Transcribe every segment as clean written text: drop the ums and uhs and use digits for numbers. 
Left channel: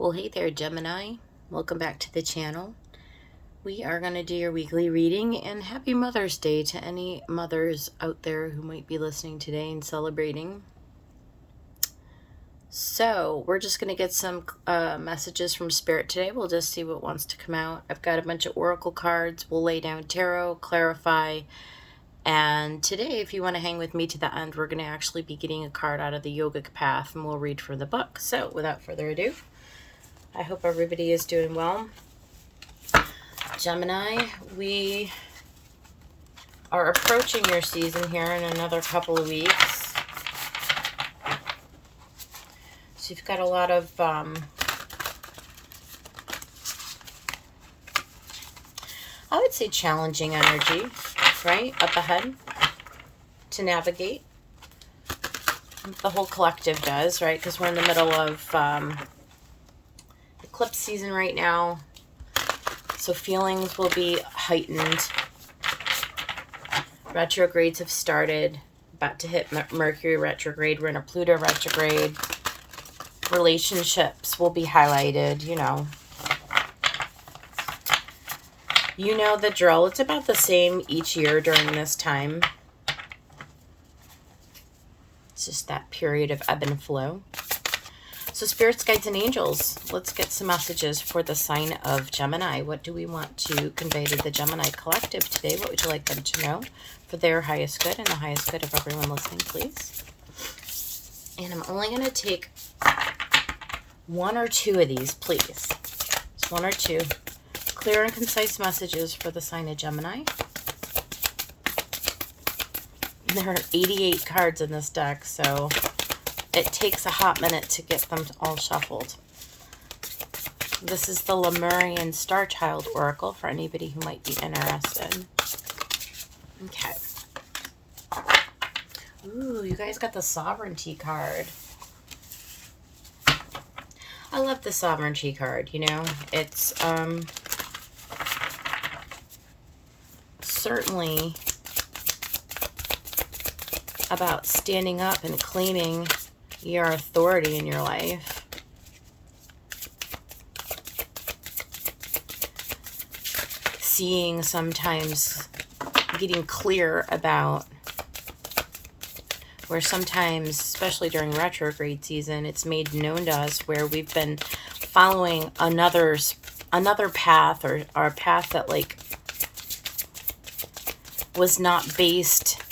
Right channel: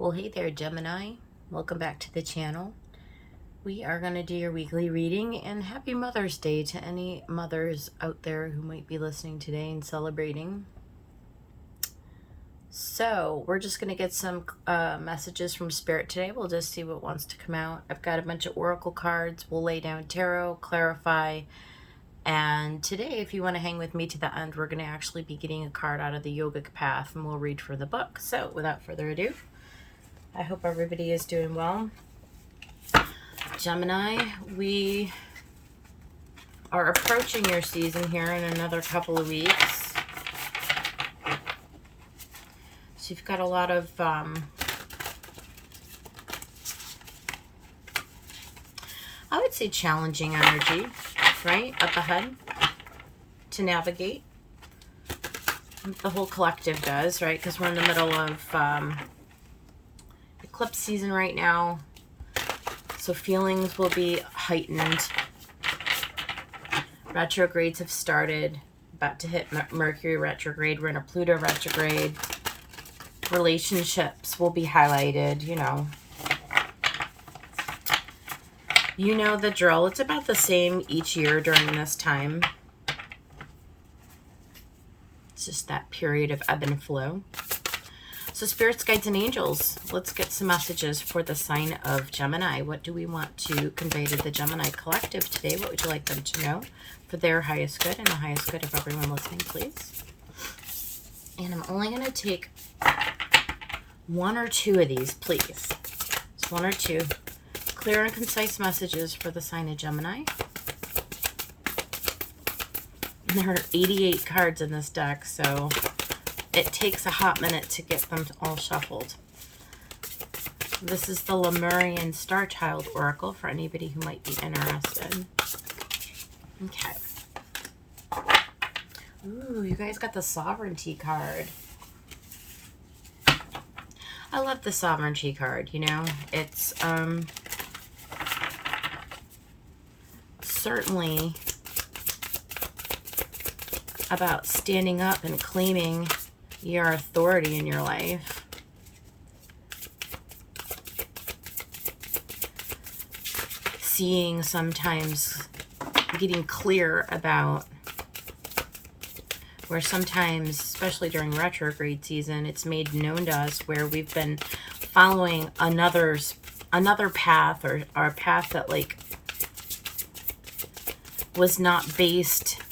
Well, hey there, Gemini. Welcome back to the channel. We are going to do your weekly reading, and happy Mother's Day to any mothers out there who might be listening today and celebrating. So, we're just going to get some messages from Spirit today. We'll just see what wants to come out. I've got a bunch of oracle cards. We'll lay down tarot, clarify, and today, if you want to hang with me to the end, we're going to actually be getting a card out of the Yogic Path, and we'll read from the book. So, without further ado, I hope everybody is doing well. Gemini, we are approaching your season here in another couple of weeks. So you've got a lot of I would say challenging energy, right, up ahead to navigate. The whole collective does, right, because we're in the middle of eclipse season right now, so feelings will be heightened. Retrogrades have started, about to hit Mercury retrograde. We're in a Pluto retrograde. Relationships will be highlighted, you know the drill. It's about the same each year during this time. It's just that period of ebb and flow. So spirits, guides, and angels, let's get some messages for the sign of Gemini. What do we want to convey to the Gemini collective today? What would you like them to know for their highest good and the highest good of everyone listening, please? And I'm only going to take one or two of these, please. Just one or two. Clear and concise messages for the sign of Gemini. And there are 88 cards in this deck, so it takes a hot minute to get them all shuffled. This is the Lemurian Star Child Oracle for anybody who might be interested. Okay. Ooh, you guys got the Sovereignty card. I love the Sovereignty card, you know. It's certainly about standing up and claiming your authority in your life. Seeing, sometimes getting clear about where sometimes, especially during retrograde season, it's made known to us where we've been following another path, or a path that like was not based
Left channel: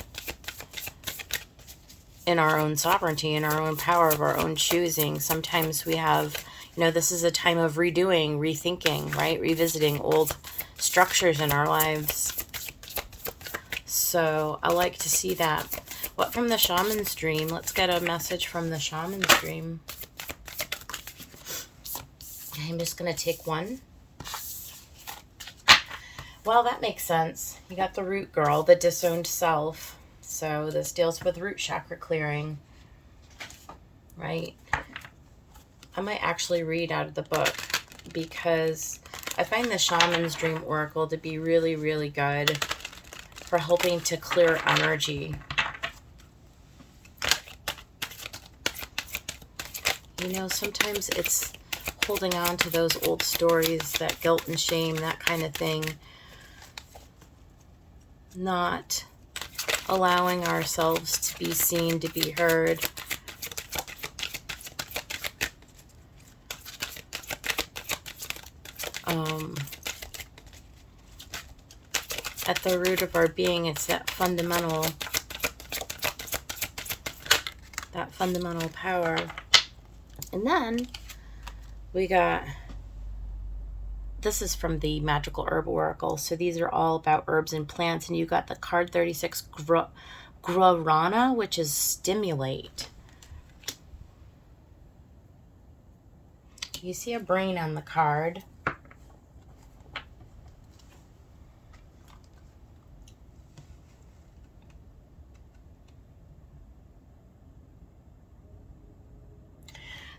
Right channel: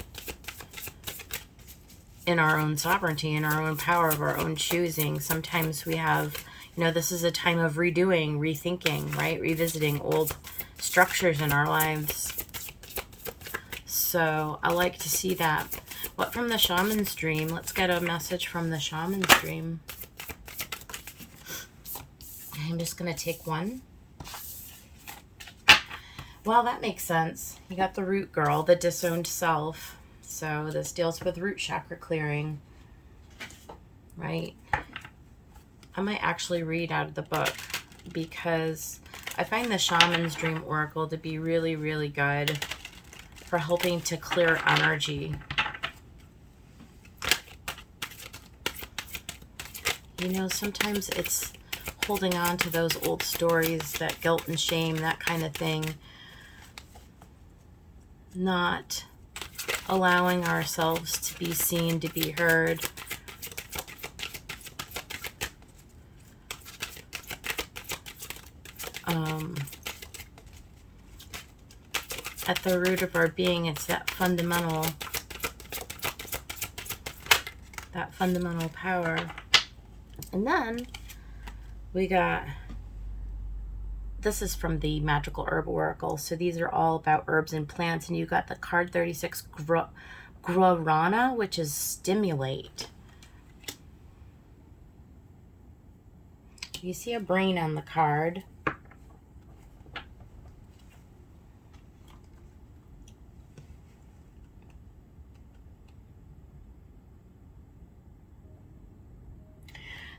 in our own sovereignty, in our own power of our own choosing. Sometimes we have, this is a time of redoing, rethinking, right? Revisiting old structures in our lives. So I like to see that. What from the Shaman's Dream? Let's get a message from the Shaman's Dream. I'm just going to take one. Well, that makes sense. You got the root girl, the disowned self. So this deals with root chakra clearing, right? I might actually read out of the book because I find the Shaman's Dream Oracle to be really, really good for helping to clear energy. Sometimes it's holding on to those old stories, that guilt and shame, that kind of thing. Not allowing ourselves to be seen, to be heard. At the root of our being, it's that fundamental power. And then we got, this is from the Magical Herb Oracle. So these are all about herbs and plants. And you got the card 36, Guarana, which is stimulate. You see a brain on the card.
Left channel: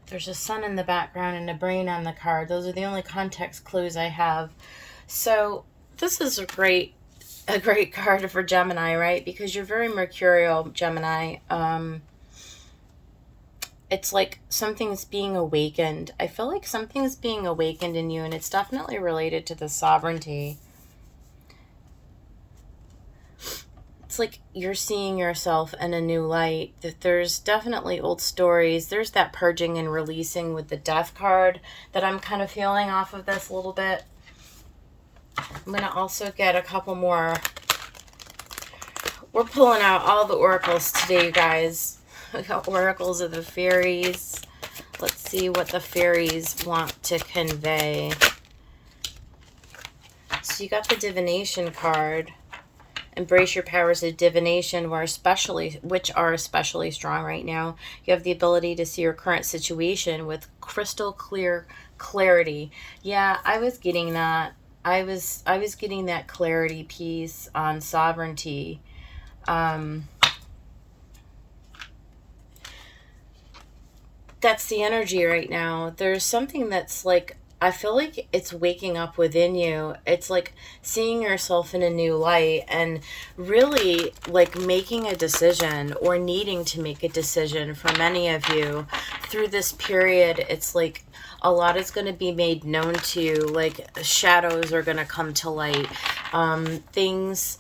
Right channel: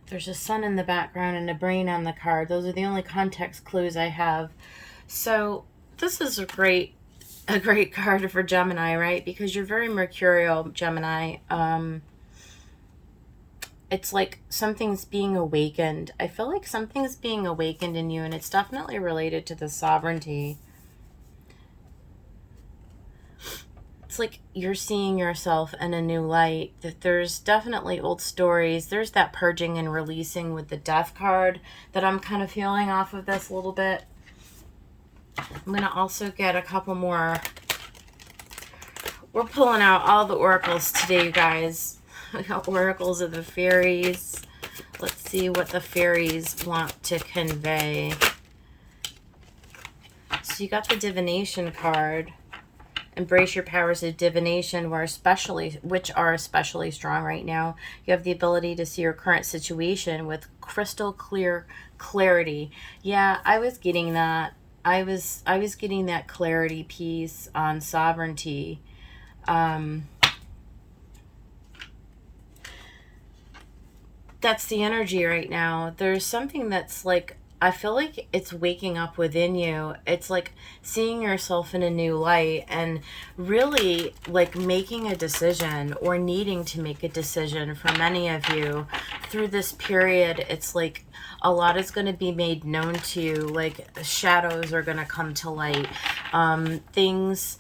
There's a sun in the background and a brain on the card. Those are the only context clues I have. So this is a great card for Gemini, right? Because you're very mercurial, Gemini. it's like something's being awakened. I feel like something's being awakened in you, and it's definitely related to the sovereignty. It's like you're seeing yourself in a new light, that there's definitely old stories. There's that purging and releasing with the death card that I'm kind of feeling off of this a little bit. I'm going to also get a couple more. We're pulling out all the oracles today, you guys. We got oracles of the fairies. Let's see what the fairies want to convey. So you got the divination card. Embrace your powers of divination, which are especially strong right now. You have the ability to see your current situation with crystal clear clarity. Yeah, I was getting that. I was getting that clarity piece on sovereignty. That's the energy right now. There's something that's like, I feel like it's waking up within you. It's like seeing yourself in a new light and really like making a decision or needing to make a decision for many of you through this period. It's like a lot is going to be made known to you, like shadows are going to come to light. Things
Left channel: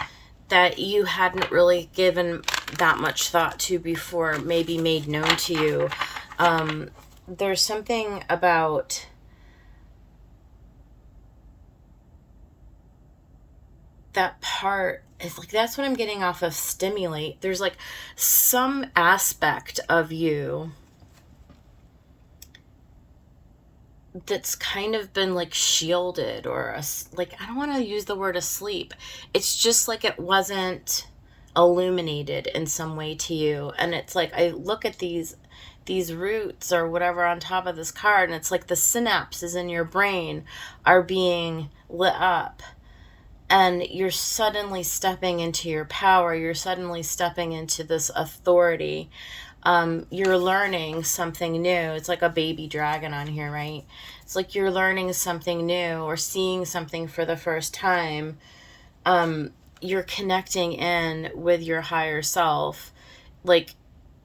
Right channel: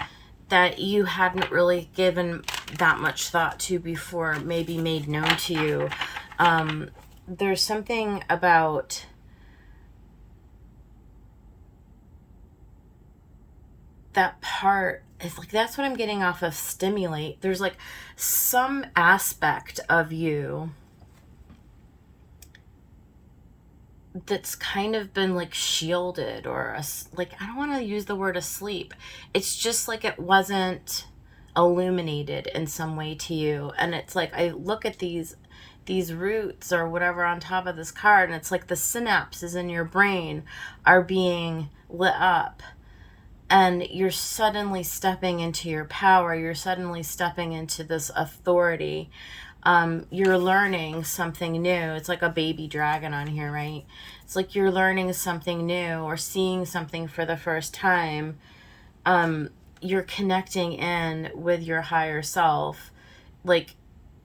that you hadn't really given that much thought to before may be made known to you. There's something about that part. It's like, that's what I'm getting off of stimulate. There's like some aspect of you that's kind of been like shielded or like, I don't want to use the word asleep. It's just like it wasn't illuminated in some way to you. And it's like, I look at these roots or whatever on top of this card, and it's like the synapses in your brain are being lit up, and you're suddenly stepping into your power. You're suddenly stepping into this authority. You're learning something new. It's like a baby dragon on here, right? It's like you're learning something new or seeing something for the first time. You're connecting in with your higher self. Like,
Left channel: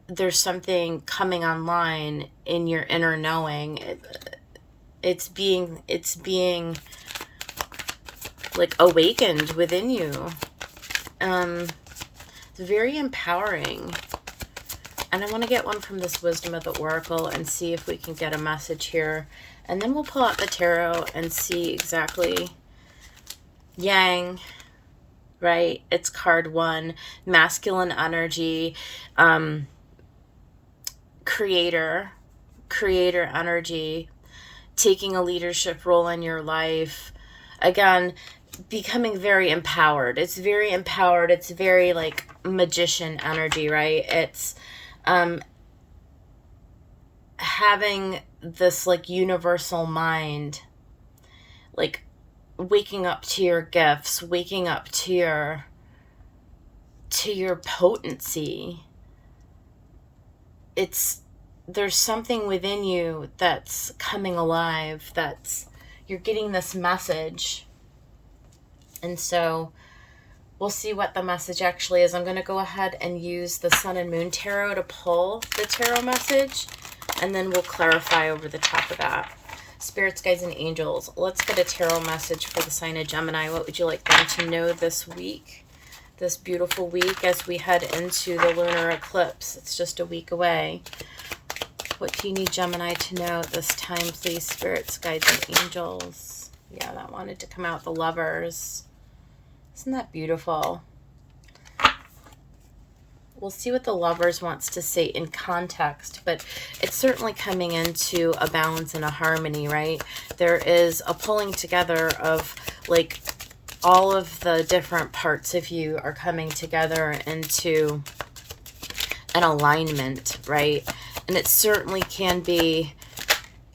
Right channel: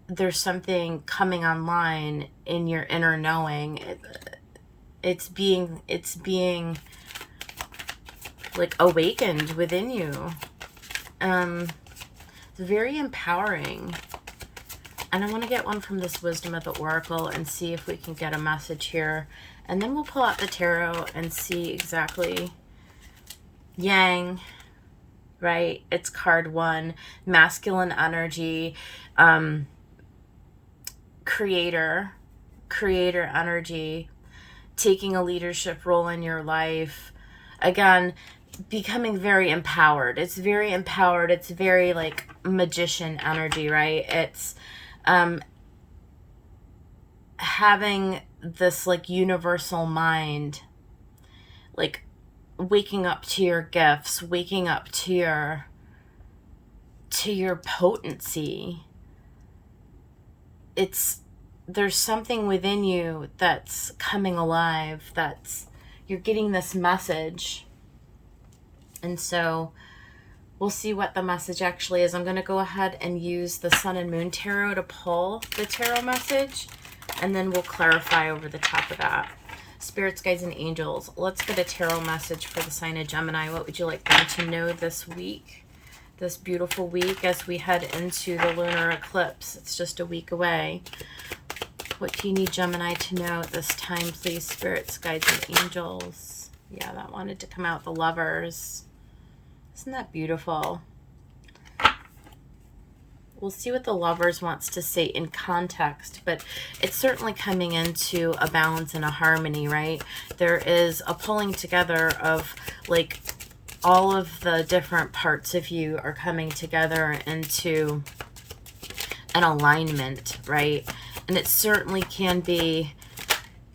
there's something coming online in your inner knowing. It's being like awakened within you. It's very empowering. And I want to get one from this Wisdom of the Oracle and see if we can get a message here. And then we'll pull out the tarot and see exactly. Yang, right? It's card 1. Masculine energy. Creator energy. Taking a leadership role in your life. Again, becoming very empowered. It's very empowered. It's very like magician energy, right? It's having this like universal mind, like waking up to your gifts, waking up to your potency. There's something within you that's coming alive, you're getting this message. And so we'll see what the message actually is. I'm going to go ahead and use the Sun and Moon Tarot to pull the tarot message, and then we'll clarify over the top of that. Spirits, guides, and angels, let's get a tarot message for the sign of Gemini. What would you like them to know this week, this beautiful week, as we head into the lunar eclipse? It's just a week away. What do you need Gemini to know at this time, please, spirits, guides, and angels? Yeah, that wanted to come out, the Lovers. Isn't that beautiful? We'll see what the Lovers wants to say in context, but it's certainly coming into a balance and a harmony, right? There is a pulling together of like all of the different parts of you are coming together into an alignment, right? And it certainly can be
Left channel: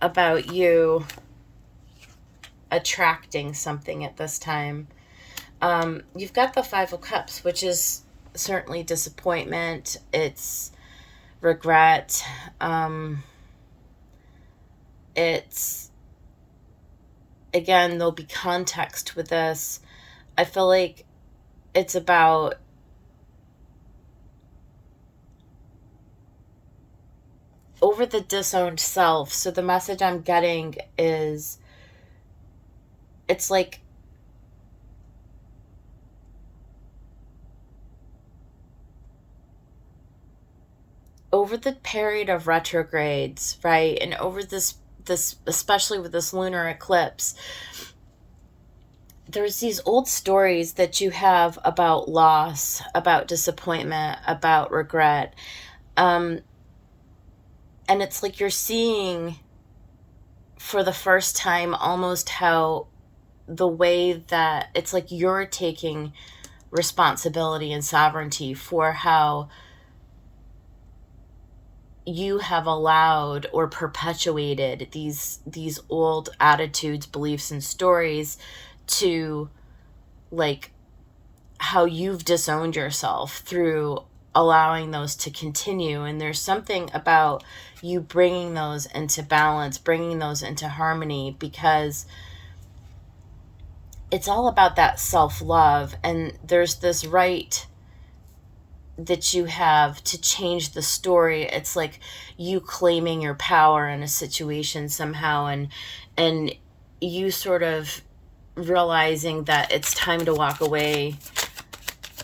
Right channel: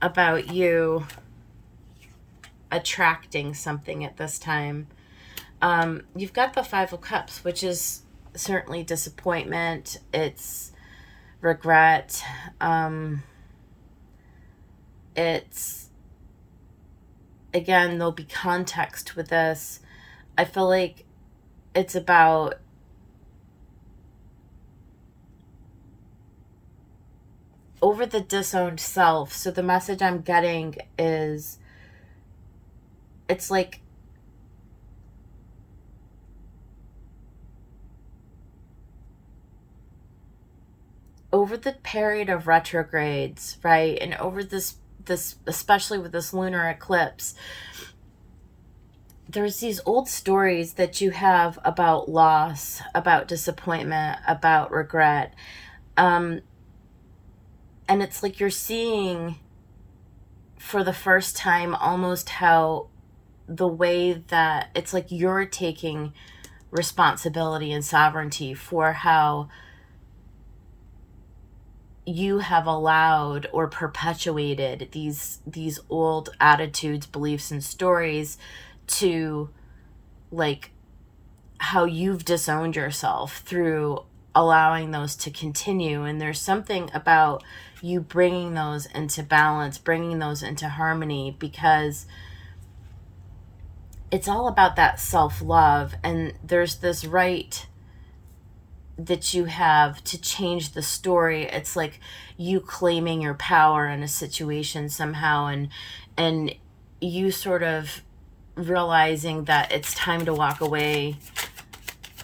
about you attracting something at this time. You've got the Five of Cups, which is certainly disappointment. It's regret. It's, again, there'll be context with this. I feel like it's about over the disowned self. So the message I'm getting is, it's like over the period of retrogrades, right? And over this especially with this lunar eclipse, there's these old stories that you have about loss, about disappointment, about regret. Um, and it's like you're seeing for the first time almost how the way that it's like you're taking responsibility and sovereignty for how you have allowed or perpetuated these old attitudes, beliefs, and stories to, like, how you've disowned yourself through allowing those to continue. And there's something about you bringing those into balance, bringing those into harmony, because it's all about that self-love. And there's this right that you have to change the story. It's like you claiming your power in a situation somehow, and you sort of realizing that it's time to walk away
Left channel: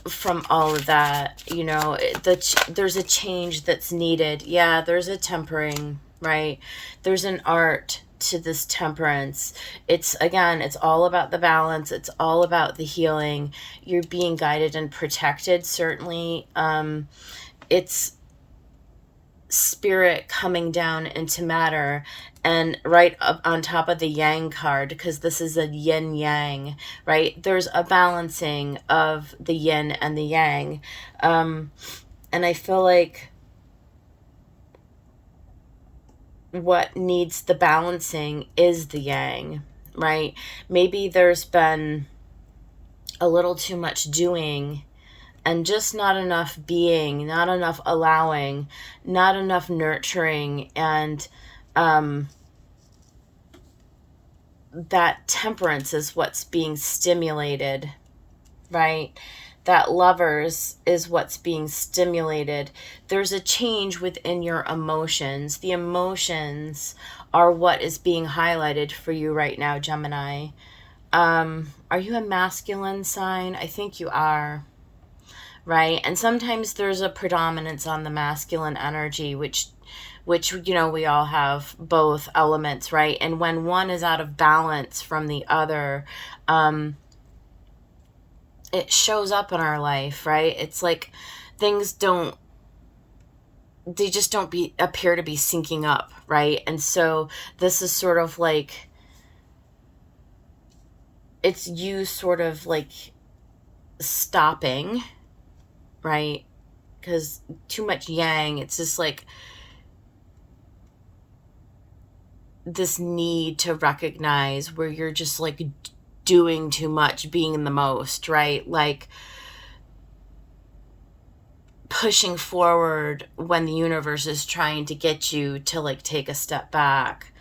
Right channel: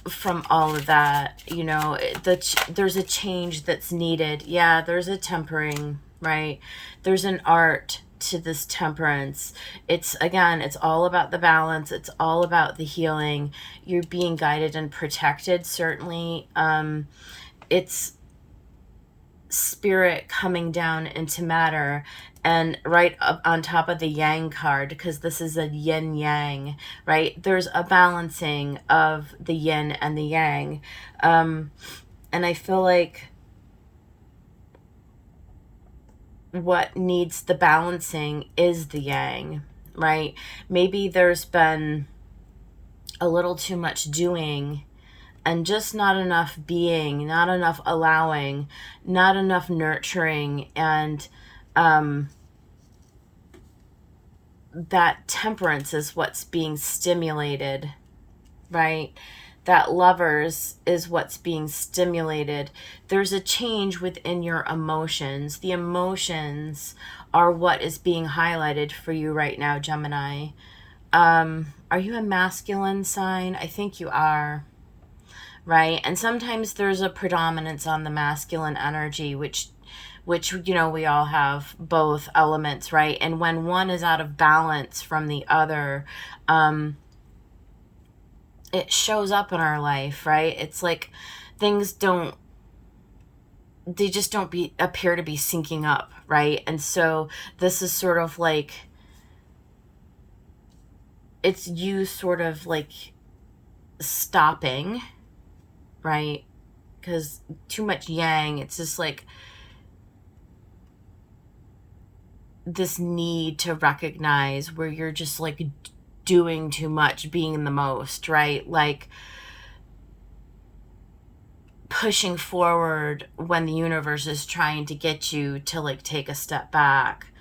from all of that. You know, there's a change that's needed. Yeah, there's a tempering, right? There's an art to this temperance. It's, again, it's all about the balance. It's all about the healing. You're being guided and protected, certainly. It's spirit coming down into matter, and right up on top of the yang card, because this is a yin yang, right? There's a balancing of the yin and the yang. And I feel like what needs the balancing is the yang, right? Maybe there's been a little too much doing and just not enough being, not enough allowing, not enough nurturing. And that temperance is what's being stimulated, right? That lovers is what's being stimulated. There's a change within your emotions. The emotions are what is being highlighted for you right now, Gemini. Are you a masculine sign? I think you are, right? And sometimes there's a predominance on the masculine energy, which you know, we all have both elements, right? And when one is out of balance from the other, it shows up in our life, right? It's like things don't, they just don't appear to be syncing up, right? And so this is sort of like, it's you sort of like stopping, right? Because too much yang, it's just like this need to recognize where you're just like doing too much, being in the most, right? Like pushing forward when the universe is trying to get you to like take a step back,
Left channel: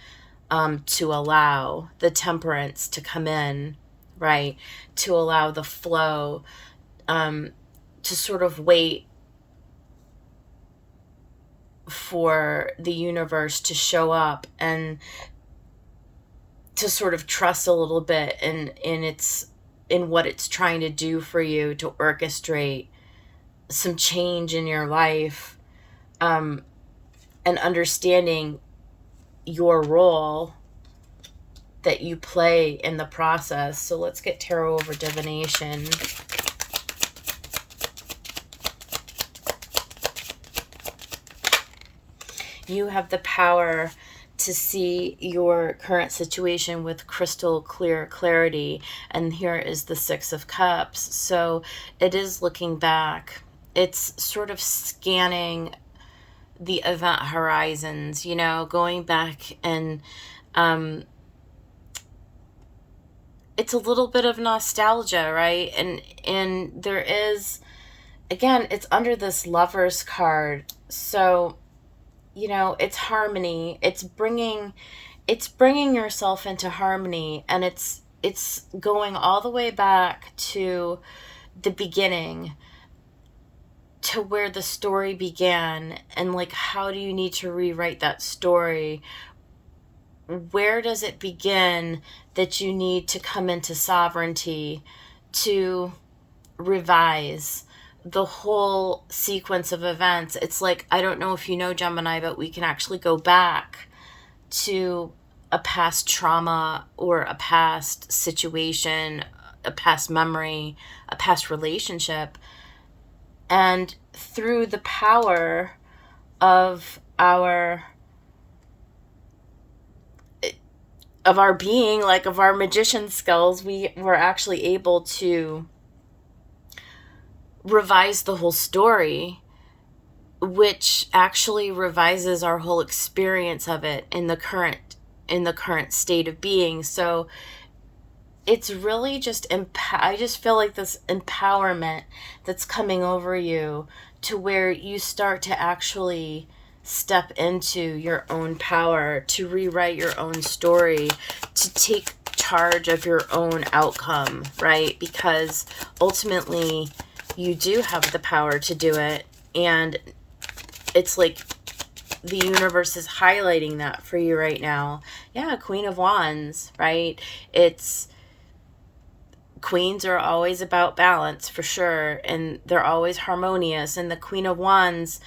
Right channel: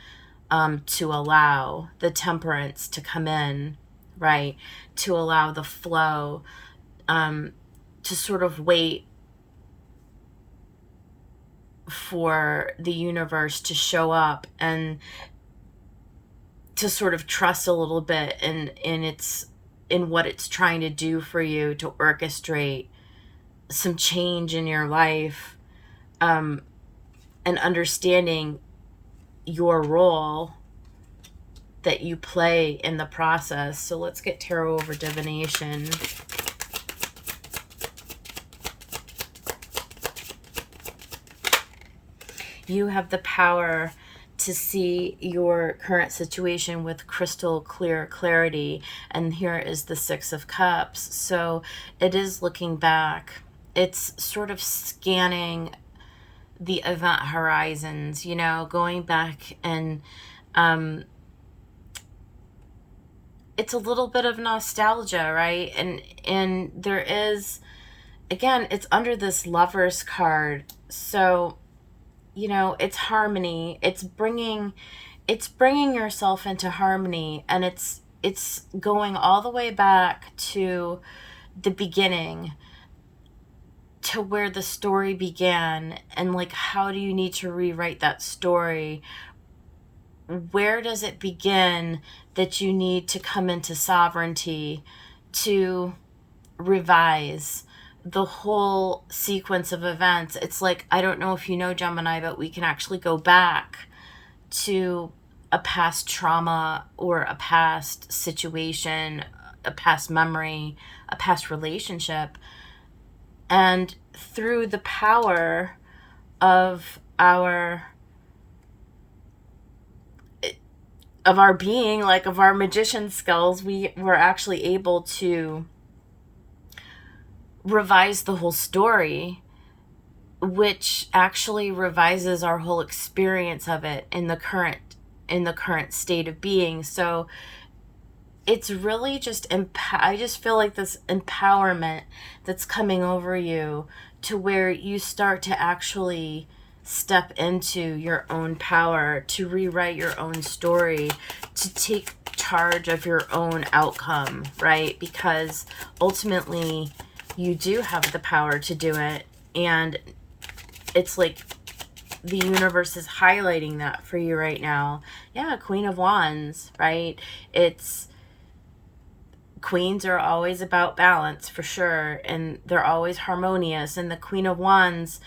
to allow the temperance to come in, right? To allow the flow, to sort of wait for the universe to show up and to sort of trust a little bit in what it's trying to do for you, to orchestrate some change in your life, and understanding your role that you play in the process. So let's get tarot over divination. You have the power to see your current situation with crystal clear clarity. And here is the Six of Cups. So it is looking back. It's sort of scanning the event horizons, you know, going back, and it's a little bit of nostalgia, right? And there is, again, it's under this Lovers card. So, you know, it's harmony. It's bringing yourself into harmony, and it's going all the way back to the beginning. to where the story began, and like, how do you need to rewrite that story? Where does it begin that you need to come into sovereignty to revise the whole sequence of events? It's like, I don't know if you know, Gemini, but we can actually go back to a past trauma or a past situation, a past memory, a past relationship, and through the power of our being, like of our magician skills, we were actually able to revise the whole story, which actually revises our whole experience of it in the current state of being. So it's really just I just feel like this empowerment that's coming over you, to where you start to actually step into your own power, to rewrite your own story, to take charge of your own outcome, right? Because ultimately you do have the power to do it, and it's like the universe is highlighting that for you right now. Yeah, Queen of Wands, right? It's queens are always about balance, for sure, and they're always harmonious, and the Queen of Wands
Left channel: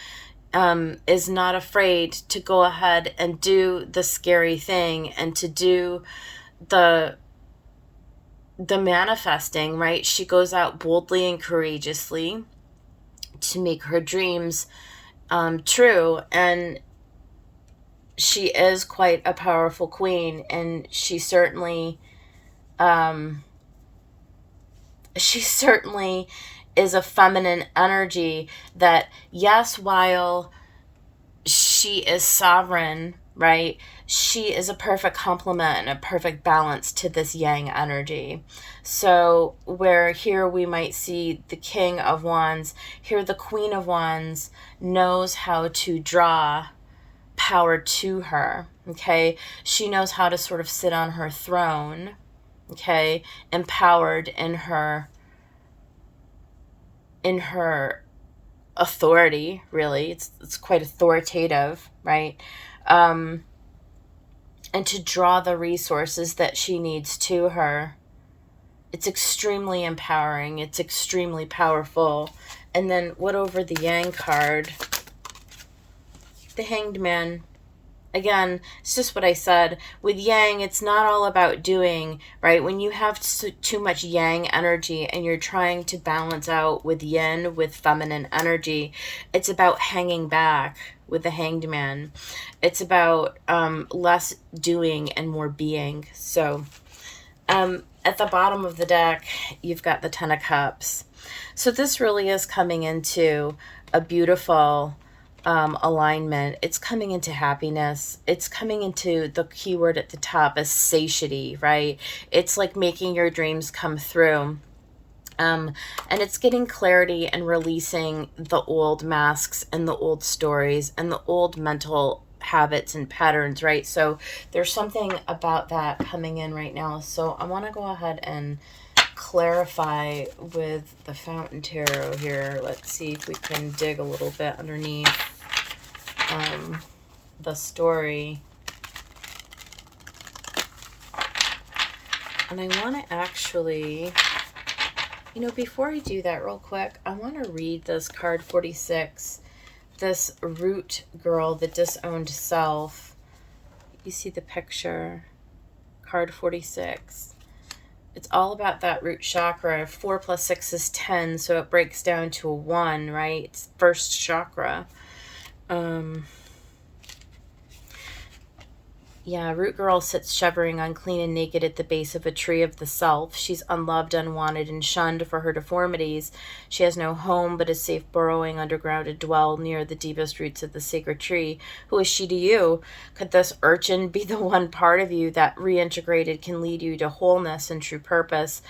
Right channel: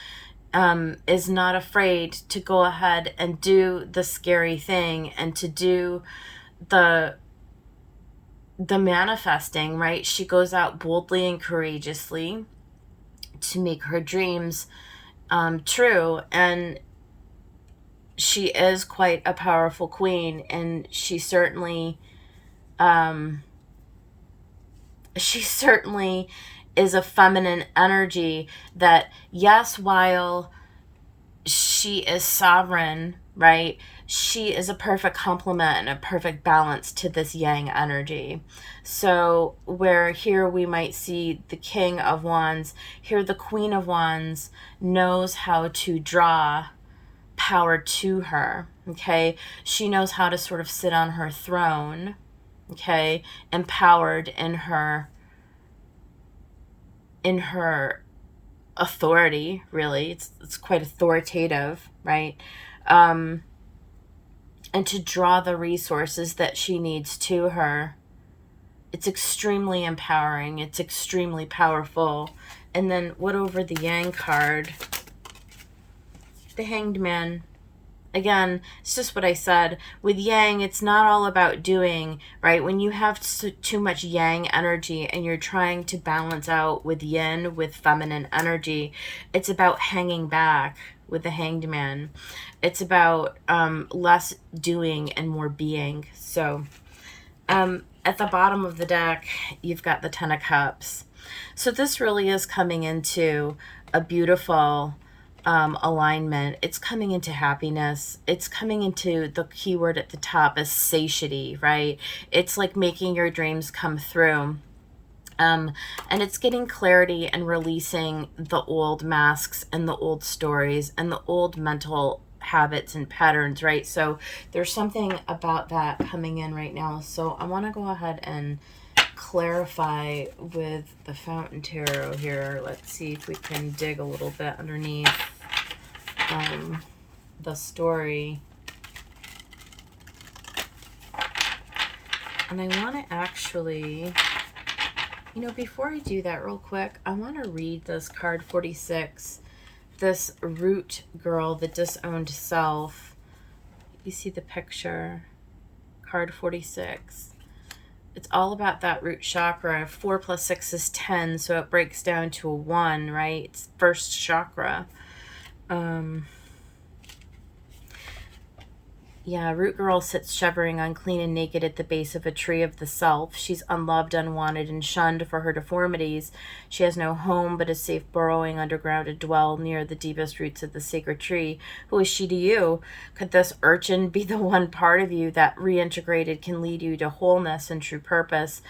is not afraid to go ahead and do the scary thing, and to do the manifesting, right? She goes out boldly and courageously to make her dreams true, and she is quite a powerful queen, and she certainly is a feminine energy that, yes, while she is sovereign, right, she is a perfect complement and a perfect balance to this yang energy. So where here we might see the King of Wands, here the Queen of Wands knows how to draw power to her, okay? She knows how to sort of sit on her throne, okay, empowered in her authority, really. It's quite authoritative, right? And to draw the resources that she needs to her. It's extremely empowering. It's extremely powerful. And then what over the Yang card? The Hanged Man. Again, it's just what I said. With Yang, it's not all about doing, right? When you have too much Yang energy and you're trying to balance out with Yin, with feminine energy, it's about hanging back with the Hanged Man. It's about less doing and more being. So at the bottom of the deck, you've got the Ten of Cups. So this really is coming into a beautiful alignment. It's coming into happiness. It's coming into the keyword at the top as satiety, right? It's like making your dreams come through. And it's getting clarity and releasing the old masks and the old stories and the old mental habits and patterns, right? So there's something about that coming in right now. So I want to go ahead and clarify with the Fountain Tarot here. Let's see if we can dig a little bit underneath the story. And I want to actually, before I do that real quick, I want to read this card 46, this root girl, the disowned self. You see the picture, card 46. It's all about that root chakra. 4 plus 6 is 10, so it breaks down to a 1, right? It's first chakra. Yeah, root girl sits shivering, unclean and naked at the base of a tree of the self. She's unloved, unwanted, and shunned for her deformities. She has no home, but is safe burrowing underground to dwell near the deepest roots of the sacred tree. Who is she to you? Could this urchin be the one part of you that reintegrated can lead you to wholeness and true purpose?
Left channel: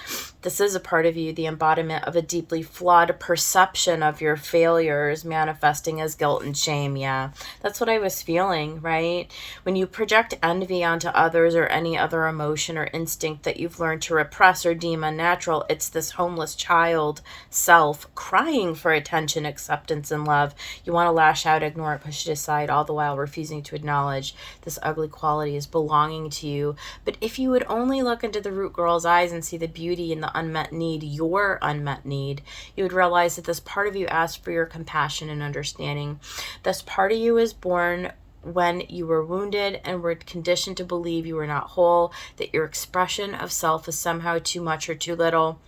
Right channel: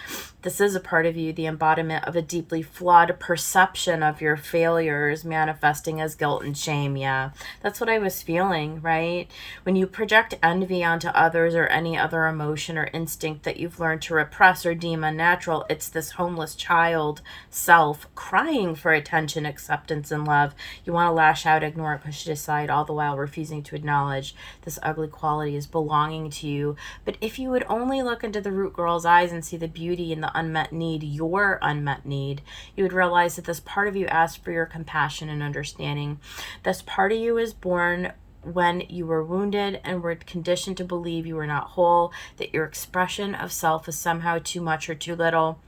This is a part of you, the embodiment of a deeply flawed perception of your failures manifesting as guilt and shame. Yeah, that's what I was feeling, right? When you project envy onto others or any other emotion or instinct that you've learned to repress or deem unnatural. It's this homeless child self crying for attention, acceptance, and love. You want to lash out, ignore it, push it aside, all the while refusing to acknowledge this ugly quality is belonging to you. But if you would only look into the root girl's eyes and see the beauty in the unmet need, your unmet need, you would realize that this part of you asks for your compassion and understanding. This part of you is born when you were wounded and were conditioned to believe you were not whole, that your expression of self is somehow too much or too little.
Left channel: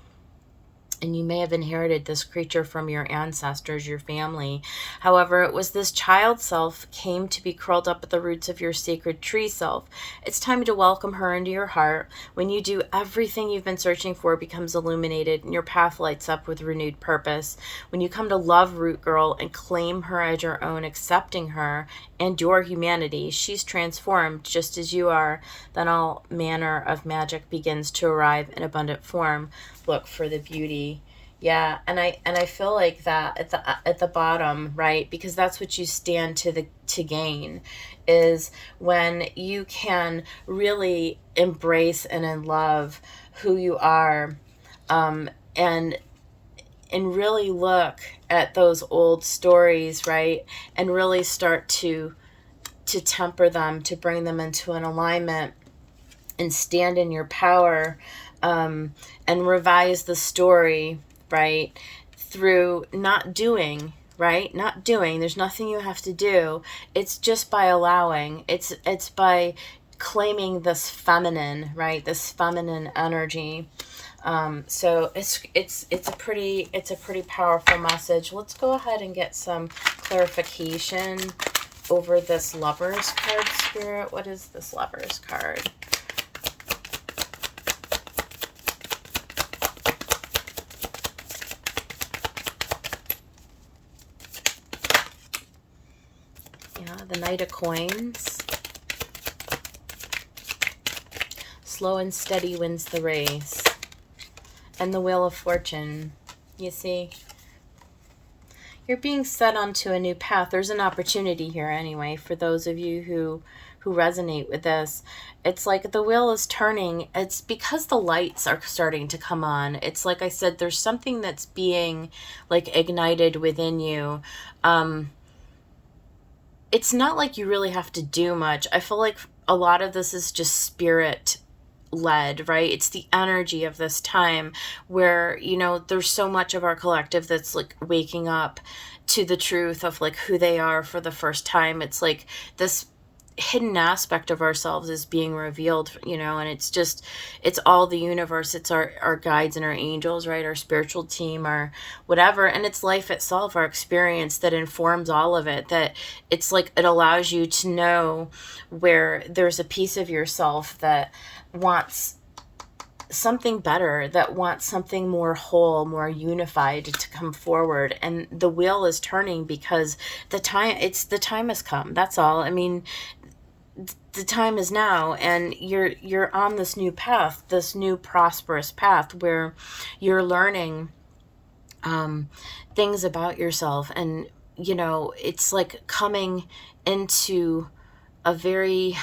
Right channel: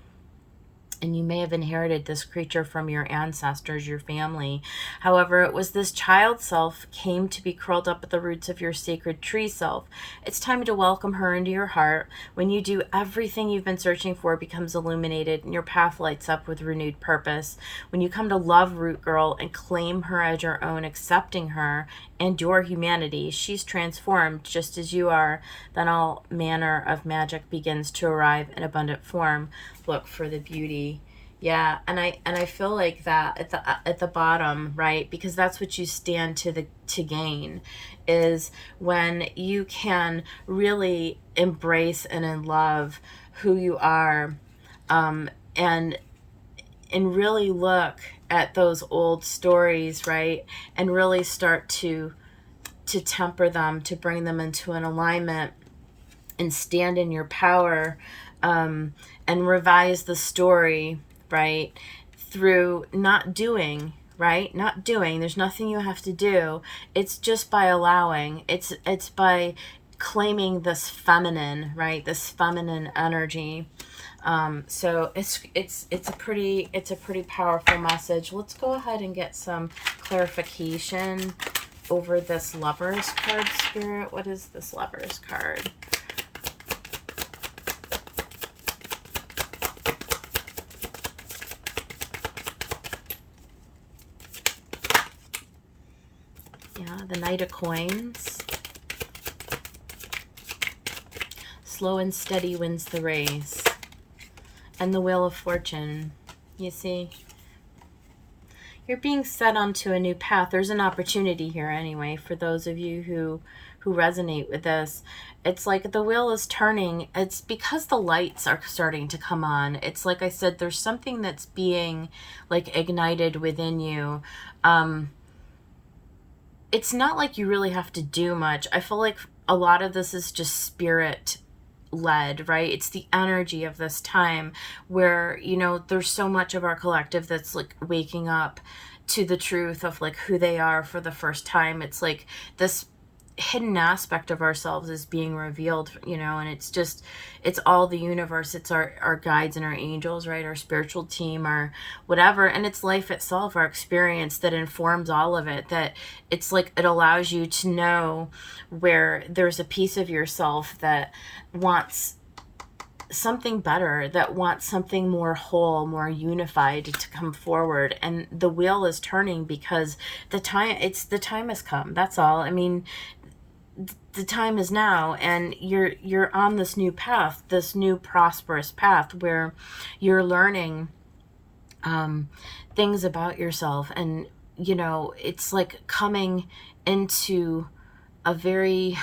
And you may have inherited this creature from your ancestors, your family. However, it was this child self came to be curled up at the roots of your sacred tree self. It's time to welcome her into your heart. When you do, everything you've been searching for becomes illuminated and your path lights up with renewed purpose. When you come to love Root Girl and claim her as your own, accepting her and your humanity, she's transformed just as you are. Then all manner of magic begins to arrive in abundant form. Look for the beauty. Yeah, and I feel like that at the bottom, right? Because that's what you stand to gain, is when you can really embrace and in love who you are, and really look at those old stories, right? And really start to temper them, to bring them into an alignment and stand in your power, and revise the story, right? Through not doing, right? Not doing. There's nothing you have to do. It's just by allowing. It's by claiming this feminine, right? This feminine energy. So it's a pretty powerful message. Let's go ahead and get some clarification over this Lovers card, Spirit. What is this Lovers card? The Knight of Coins. Slow and steady wins the race. And the Wheel of Fortune. You see? You're being set onto a new path. There's an opportunity here anyway for those of you who resonate with this. It's like the wheel is turning. It's because the lights are starting to come on. It's like I said, there's something that's being like ignited within you. It's not like you really have to do much. I feel like a lot of this is just spirit led, right? It's the energy of this time where, you know, there's so much of our collective that's like waking up to the truth of like who they are for the first time. It's like this hidden aspect of ourselves is being revealed, you know, and it's all the universe. It's our guides and our angels, right? Our spiritual team, our whatever, and it's life itself, our experience that informs all of it. That it's like it allows you to know where there's a piece of yourself that wants something better, that wants something more whole, more unified to come forward. And the wheel is turning because the time has come. That's all. I mean, the time is now, and you're on this new path, this new prosperous path where you're learning things about yourself. And you know, it's like coming into a very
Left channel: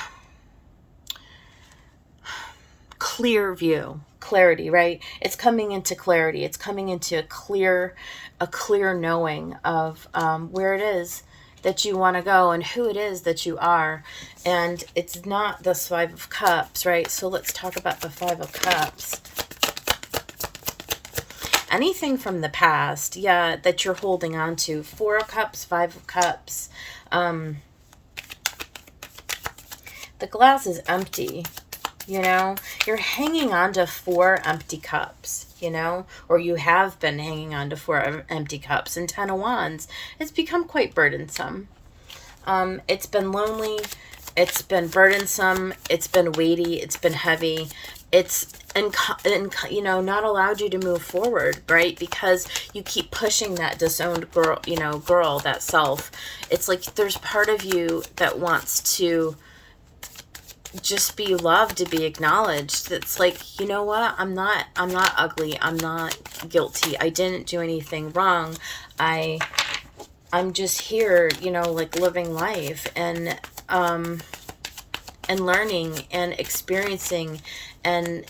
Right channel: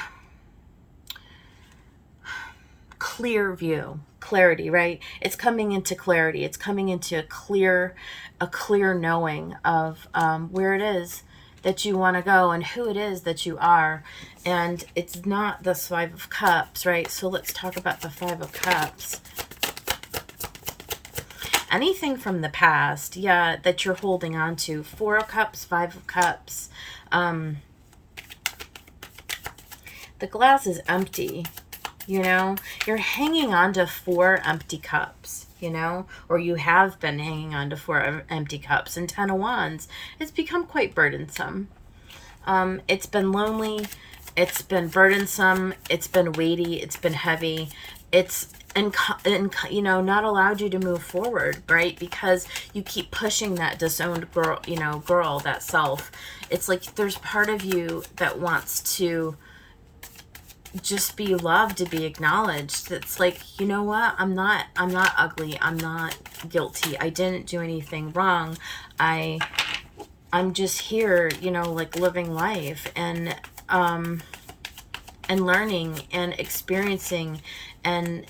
clear view, clarity, right? It's coming into clarity. It's coming into a clear knowing of where it is that you want to go and who it is that you are. And it's not the Five of Cups, right? So let's talk about the Five of Cups. Anything from the past, yeah, that you're holding on to. Four of Cups, Five of Cups. The glass is empty, you know? You're hanging on to 4 empty cups, you know? Or you have been hanging on to 4 empty cups. And 10 of Wands, it's become quite burdensome. It's been lonely. It's been burdensome. It's been weighty. It's been heavy. It's, and you know, not allowed you to move forward, right? Because you keep pushing that disowned girl, you know, that self. It's like there's part of you that wants to just be loved, to be acknowledged. It's like, you know what? I'm not ugly. I'm not guilty. I didn't do anything wrong. I'm just here, you know, like living life. And and learning and experiencing. And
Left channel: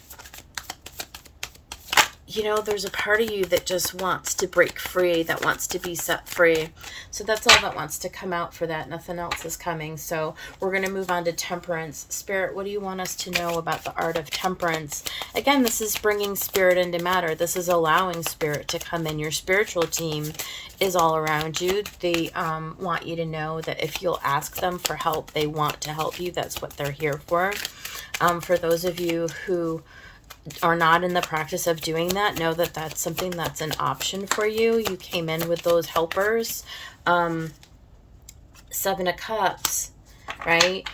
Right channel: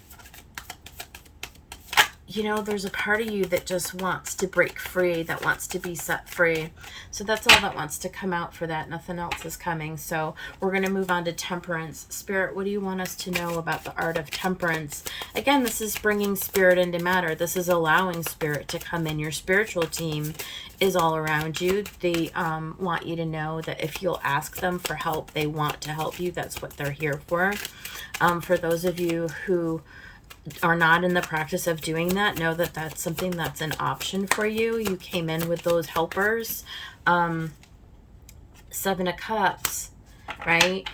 you know, there's a part of you that just wants to break free, that wants to be set free. So that's all that wants to come out for that. Nothing else is coming. So we're going to move on to Temperance. Spirit, what do you want us to know about the art of temperance? Again, this is bringing spirit into matter. This is allowing spirit to come in. Your spiritual team is all around you. They want you to know that if you'll ask them for help, they want to help you. That's what they're here for. For those of you who are not in the practice of doing that, know that that's something that's an option for you. You came in with those helpers. Seven of Cups, right?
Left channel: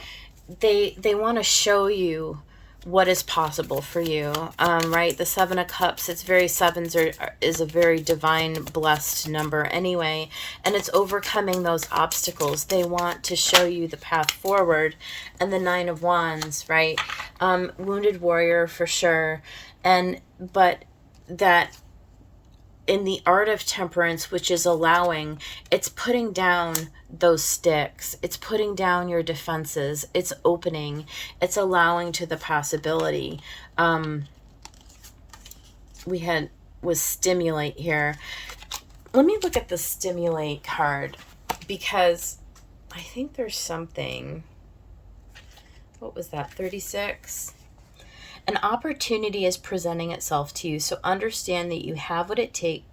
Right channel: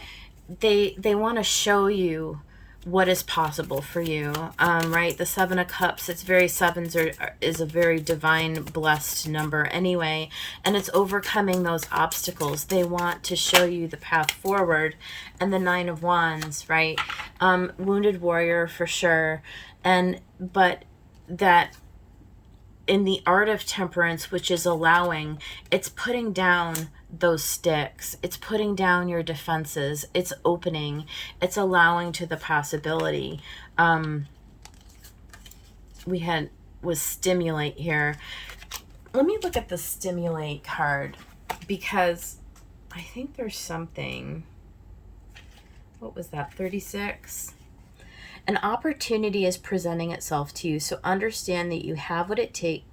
They want to show you what is possible for you, right? The Seven of Cups, it's very, sevens is a very divine, blessed number anyway, and it's overcoming those obstacles. They want to show you the path forward. And the Nine of Wands, right? Wounded warrior for sure. But that in the art of temperance, which is allowing, it's putting down those sticks, it's putting down your defenses, it's opening, it's allowing to the possibility. Was stimulate here. Let me look at the stimulate card, because I think there's something. What was that? 36. An opportunity is presenting itself to you, so understand that you have what it takes.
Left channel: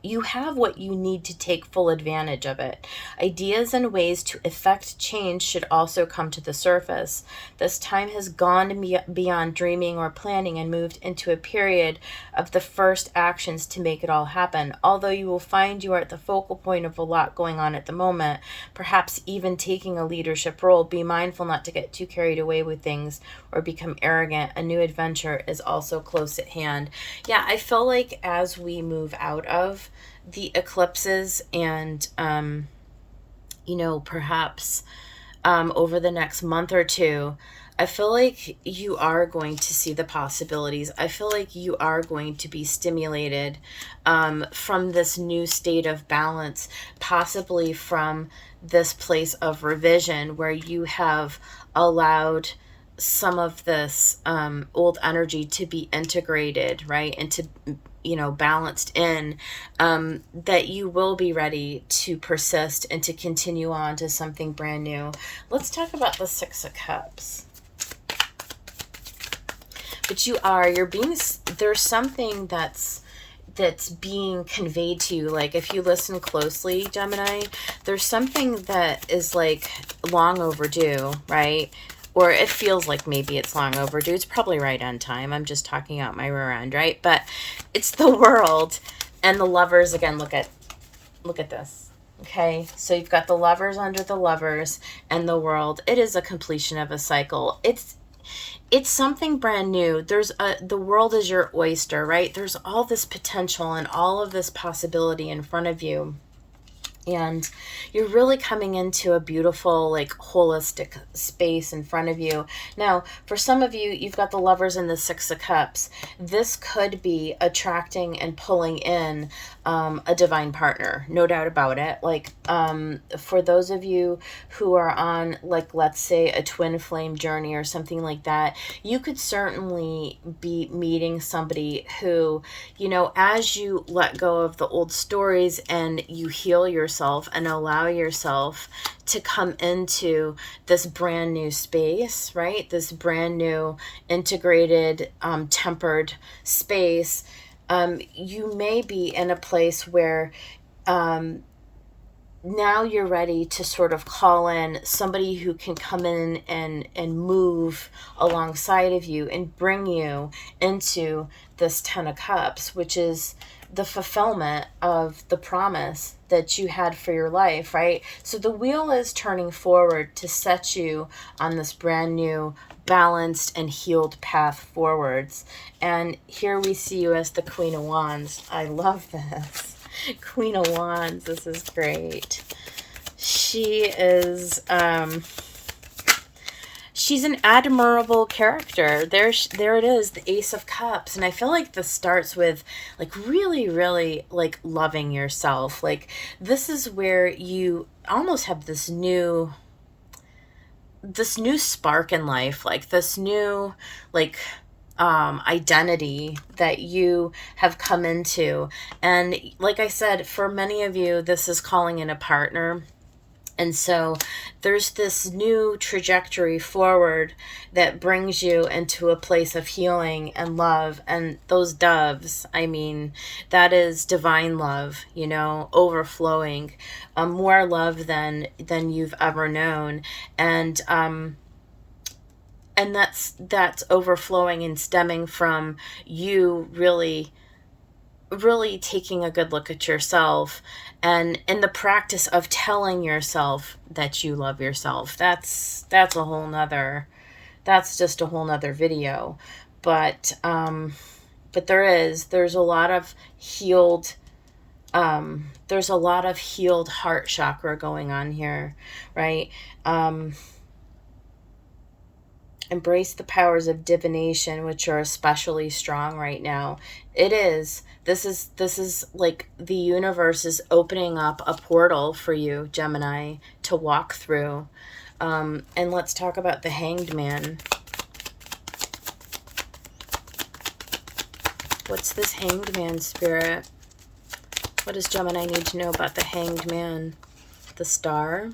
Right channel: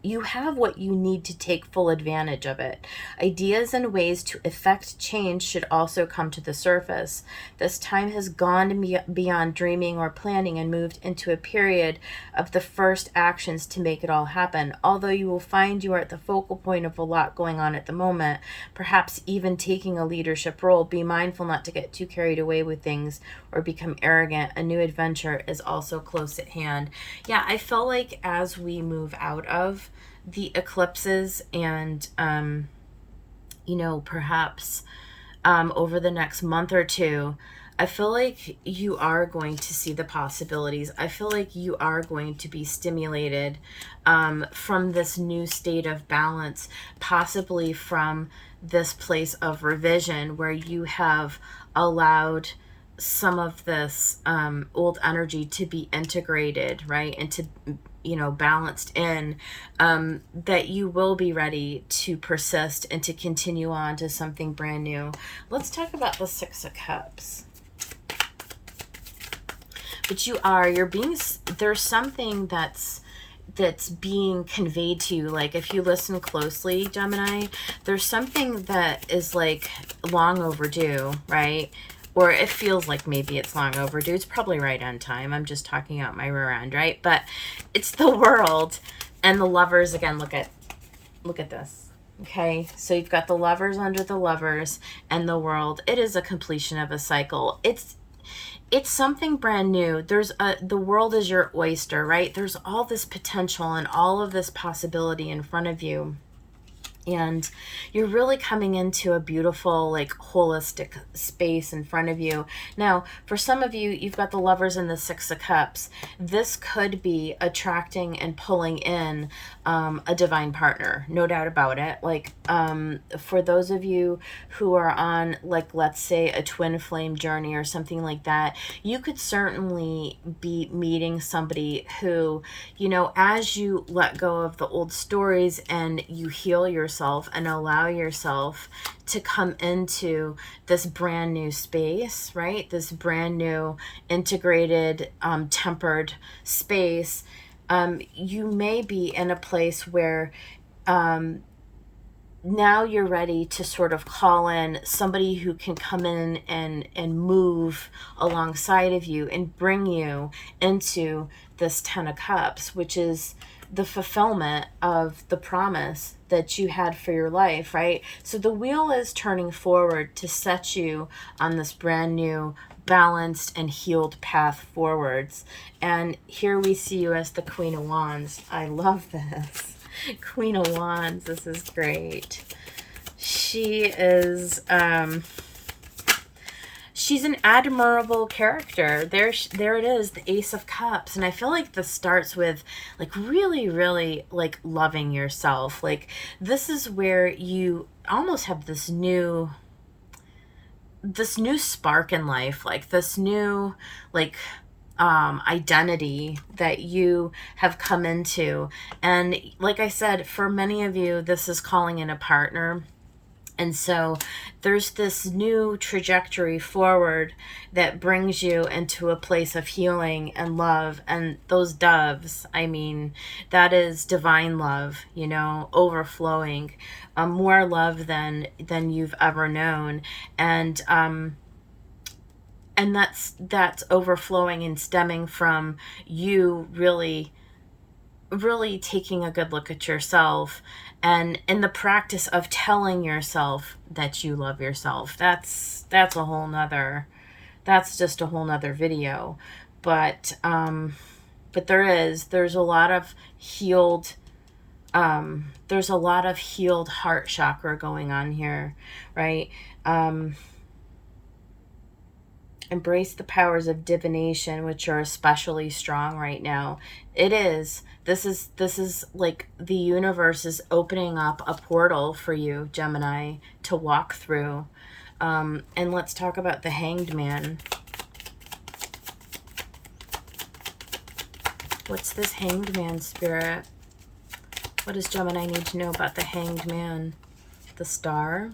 You have what you need to take full advantage of it. Ideas and ways to effect change should also come to the surface. This time has gone beyond dreaming or planning and moved into a period of the first actions to make it all happen. Although you will find you are at the focal point of a lot going on at the moment, perhaps even taking a leadership role, be mindful not to get too carried away with things or become arrogant. A new adventure is also close at hand. Yeah, I feel like as we move out of the eclipses and perhaps over the next month or two, I feel like you are going to see the possibilities. I feel like you are going to be stimulated from this new state of balance, possibly from this place of revision where you have allowed some of this old energy to be integrated, right? And to balanced in, that you will be ready to persist and to continue on to something brand new. Let's talk about the Six of Cups. But there's something that's being conveyed to you. Like, if you listen closely, Gemini, there's something that is like long overdue, right? Or it feels like maybe it's long overdue. It's probably right on time. I'm just talking out my rear end, right? But it's the World and the Lovers. Again, look at this. Okay, so you've got the Lovers under the Lovers and the World. It is a completion of a cycle. It's something brand new. The world is your oyster, right? There's all this potential and all of this possibility in front of you. And you're really coming into a beautiful, like, holistic space in front of you. Now, for some of you, you've got the Lovers and the Six of Cups. This could be attracting and pulling in a divine partner, no doubt about it. Like, for those of you who are on, like, let's say a twin flame journey or something like that, you could certainly be meeting somebody who, as you let go of the old stories and you heal yourself and allow yourself to come into this brand new space, right? This brand new integrated, tempered space. You may be in a place where now you're ready to sort of call in somebody who can come in and move alongside of you and bring you into this Ten of Cups, which is the fulfillment of the promise that you had for your life, right? So the wheel is turning forward to set you on this brand new, balanced and healed path forwards. And here we see you as the Queen of Wands. I love this. Queen of Wands, this is great. She is she's an admirable character. There it is, the Ace of Cups. And I feel like this starts with, like, really, really, like, loving yourself. Like, this is where you almost have this new this new spark in life, like this new, like, identity that you have come into. And like I said, for many of you, this is calling in a partner. And so there's this new trajectory forward that brings you into a place of healing and love. And those doves, I mean, that is divine love, you know, overflowing, more love than you've ever known. And that's overflowing and stemming from you really taking a good look at yourself, and in the practice of telling yourself that you love yourself. That's a whole nother, that's just a whole nother video. But there's a lot of healed, there's a lot of healed heart chakra going on here, right? Embrace the powers of divination, which are especially strong right now. This is like the universe is opening up a portal for you, Gemini, to walk through. And let's talk about the Hanged Man. What's this Hanged Man, Spirit? What does Gemini need to know about the Hanged Man? The Star,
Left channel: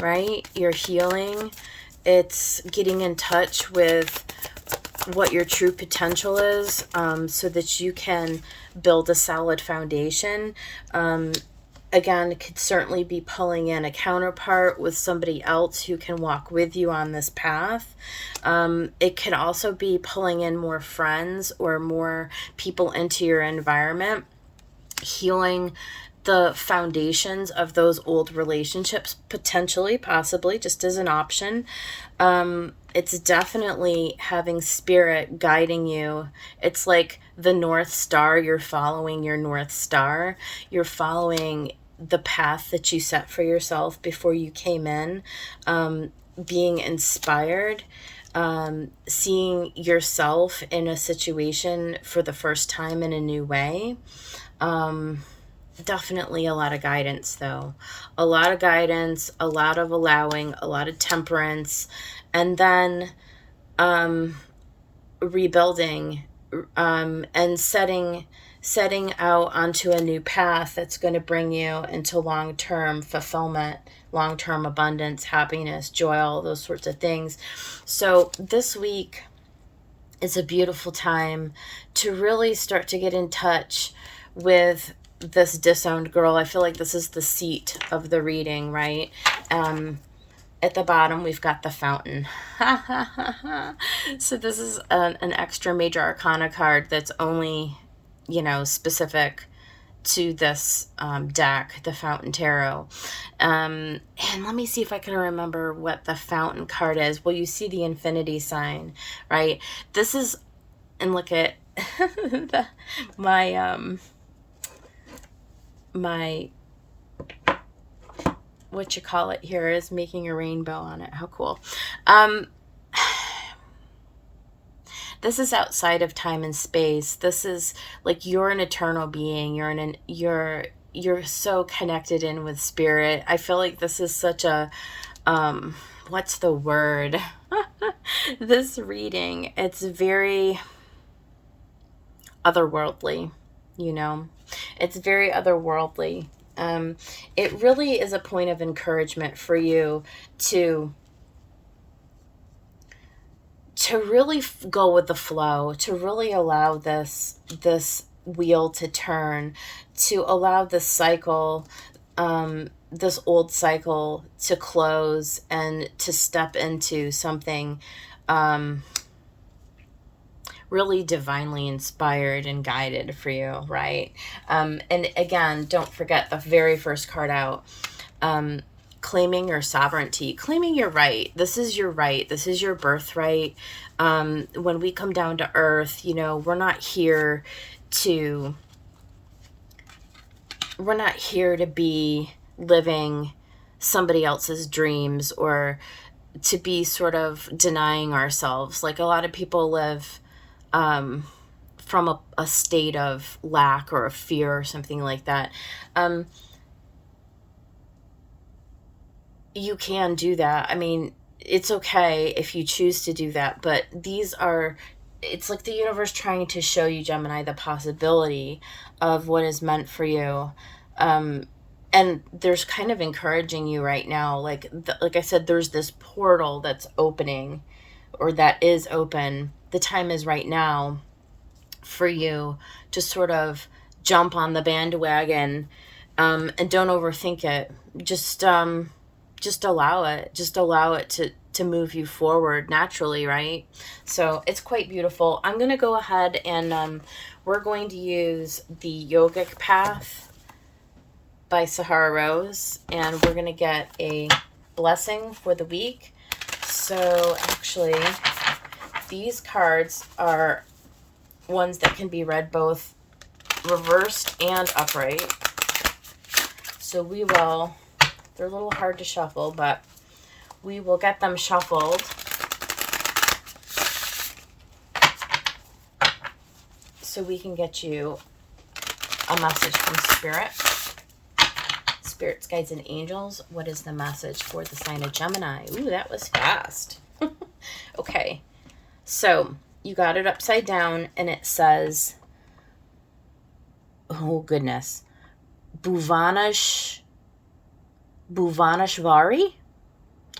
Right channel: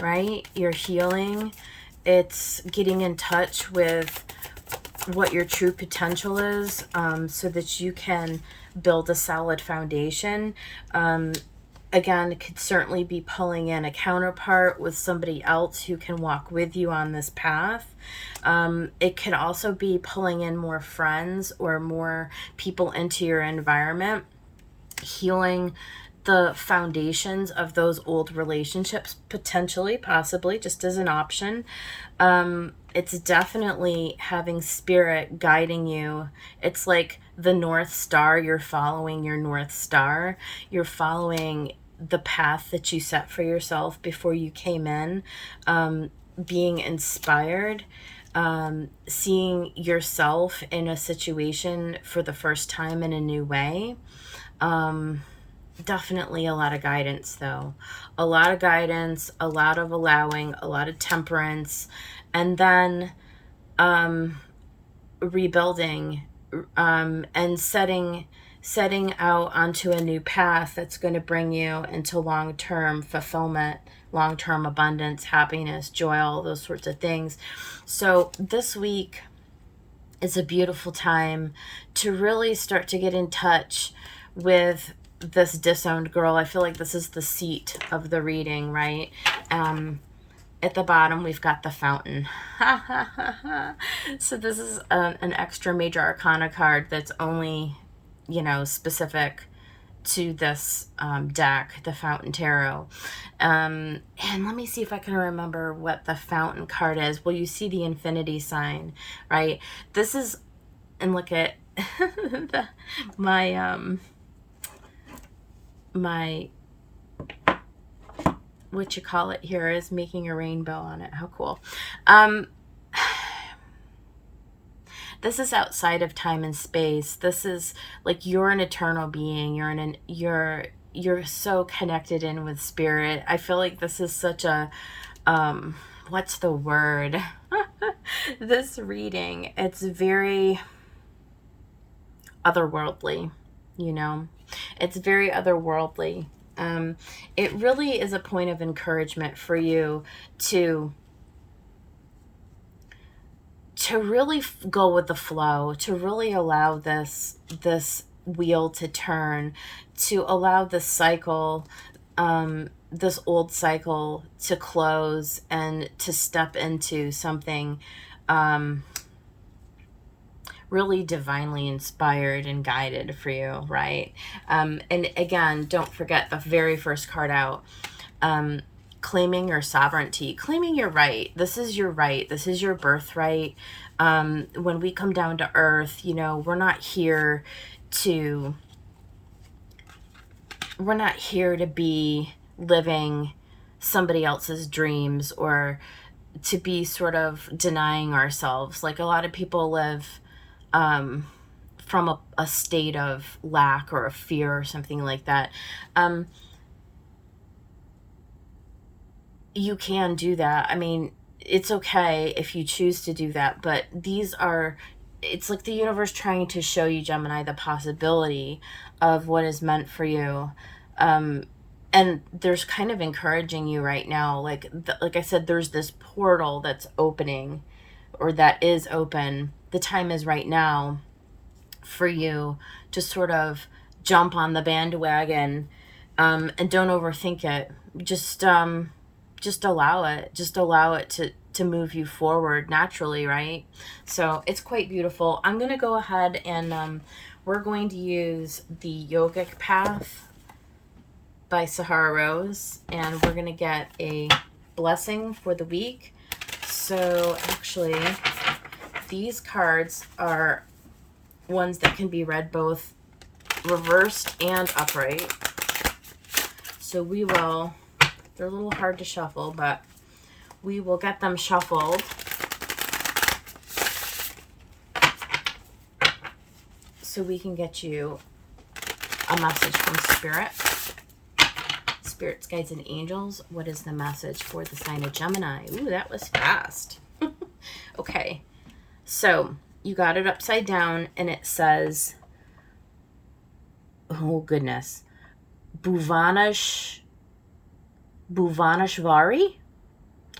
right? You're healing. It's getting in touch with what your true potential is, so that you can build a solid foundation. Again, it could certainly be pulling in a counterpart with somebody else who can walk with you on this path. It can also be pulling in more friends or more people into your environment, healing the foundations of those old relationships, potentially, possibly, just as an option. It's definitely having spirit guiding you. It's like the North Star. You're following your North Star. You're following the path that you set for yourself before you came in, being inspired, seeing yourself in a situation for the first time in a new way. Definitely a lot of guidance, though. A lot of guidance, a lot of allowing, a lot of temperance, and then rebuilding, and setting out onto a new path that's going to bring you into long-term fulfillment, long-term abundance, happiness, joy, all those sorts of things. So this week is a beautiful time to really start to get in touch with this disowned girl. I feel like this is the seat of the reading, right? At the bottom, we've got the Fountain. So this is an extra major arcana card that's only, you know, specific to this deck, the Fountain Tarot. And let me see if I can remember what the Fountain card is. Well, you see the infinity sign, right? This is, and look at my what you call it here is making a rainbow on it. How cool. This is outside of time and space. This is like you're an eternal being. You're so connected in with spirit. I feel like this is such a what's the word? This reading, it's very otherworldly, you know. It's very otherworldly. It really is a point of encouragement for you to really go with the flow, to really allow this wheel to turn, to allow this cycle, this old cycle to close, and to step into something really divinely inspired and guided for you, right? And again, don't forget the very first card out, claiming your sovereignty, claiming your right. This is your right. This is your birthright. When we come down to earth, you know, we're not here to be living somebody else's dreams, or to be sort of denying ourselves. Like a lot of people live from a state of lack or a fear or something like that. You can do that. I mean, it's okay if you choose to do that, but it's like the universe trying to show you, Gemini, the possibility of what is meant for you. And there's kind of encouraging you right now. Like I said, there's this portal that's opening, or that is open. The time is right now for you to sort of jump on the bandwagon, and don't overthink it. Just allow it. Just allow it to move you forward naturally, right? So it's quite beautiful. I'm going to go ahead and we're going to use the Yogic Path by Sahara Rose, and we're going to get a blessing for the week. So actually, these cards are ones that can be read both reversed and upright. So we will, they're a little hard to shuffle, but we will get them shuffled so we can get you a message from Spirit. Spirits, guides, and angels, what is the message for the sign of Gemini? Ooh, that was fast. Okay, so you got it upside down, and it says, oh goodness, Bhuvaneshwari?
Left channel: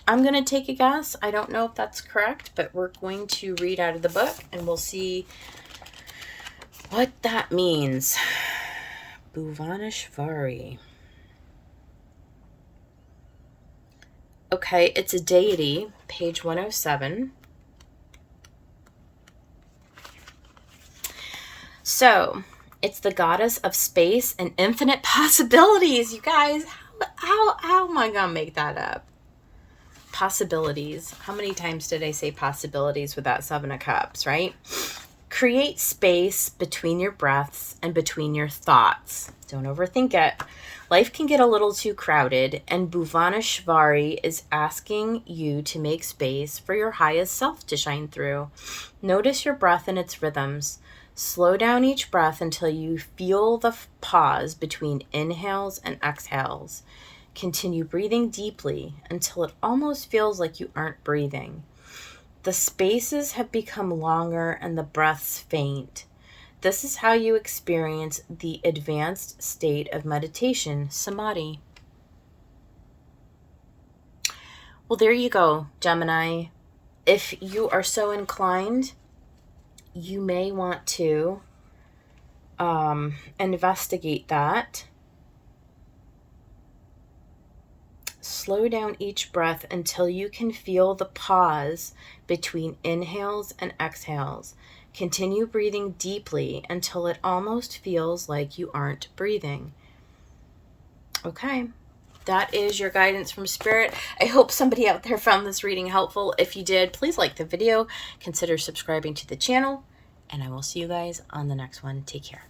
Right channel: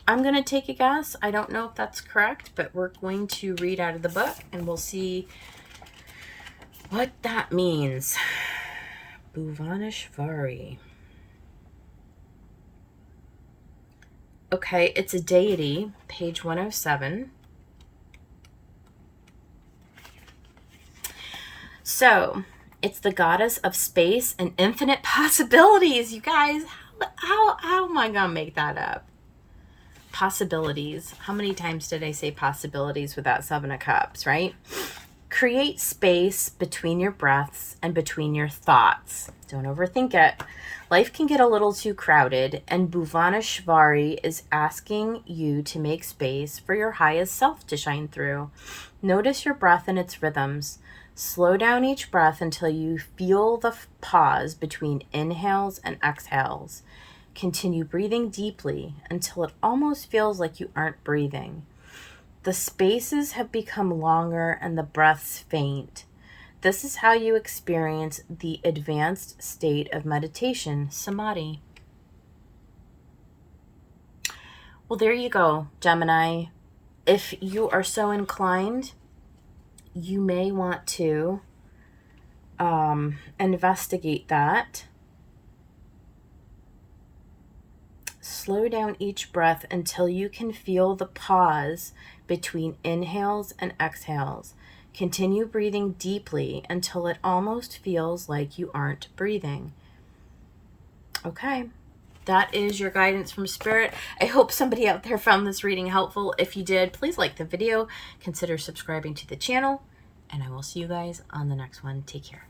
I'm going to take a guess. I don't know if that's correct, but we're going to read out of the book, and we'll see what that means. Bhuvaneshwari. Okay, it's a deity, page 107. So, it's the goddess of space and infinite possibilities. You guys, how am I going to make that up? Possibilities. How many times did I say possibilities with that Seven of Cups, right? Create space between your breaths and between your thoughts. Don't overthink it. Life can get a little too crowded, and Bhuvaneshwari is asking you to make space for your highest self to shine through. Notice your breath and its rhythms. Slow down each breath until you feel the pause between inhales and exhales. Continue breathing deeply until it almost feels like you aren't breathing. The spaces have become longer and the breaths faint. This is how you experience the advanced state of meditation, samadhi. Well, there you go, Gemini. If you are so inclined, you may want to investigate that. Slow down each breath until you can feel the pause between inhales and exhales. Continue breathing deeply until it almost feels like you aren't breathing. Okay, that is your guidance from Spirit. I hope somebody out there found this reading helpful. If you did, please like the video, consider subscribing to the channel, and I will see you guys on the next one. Take care.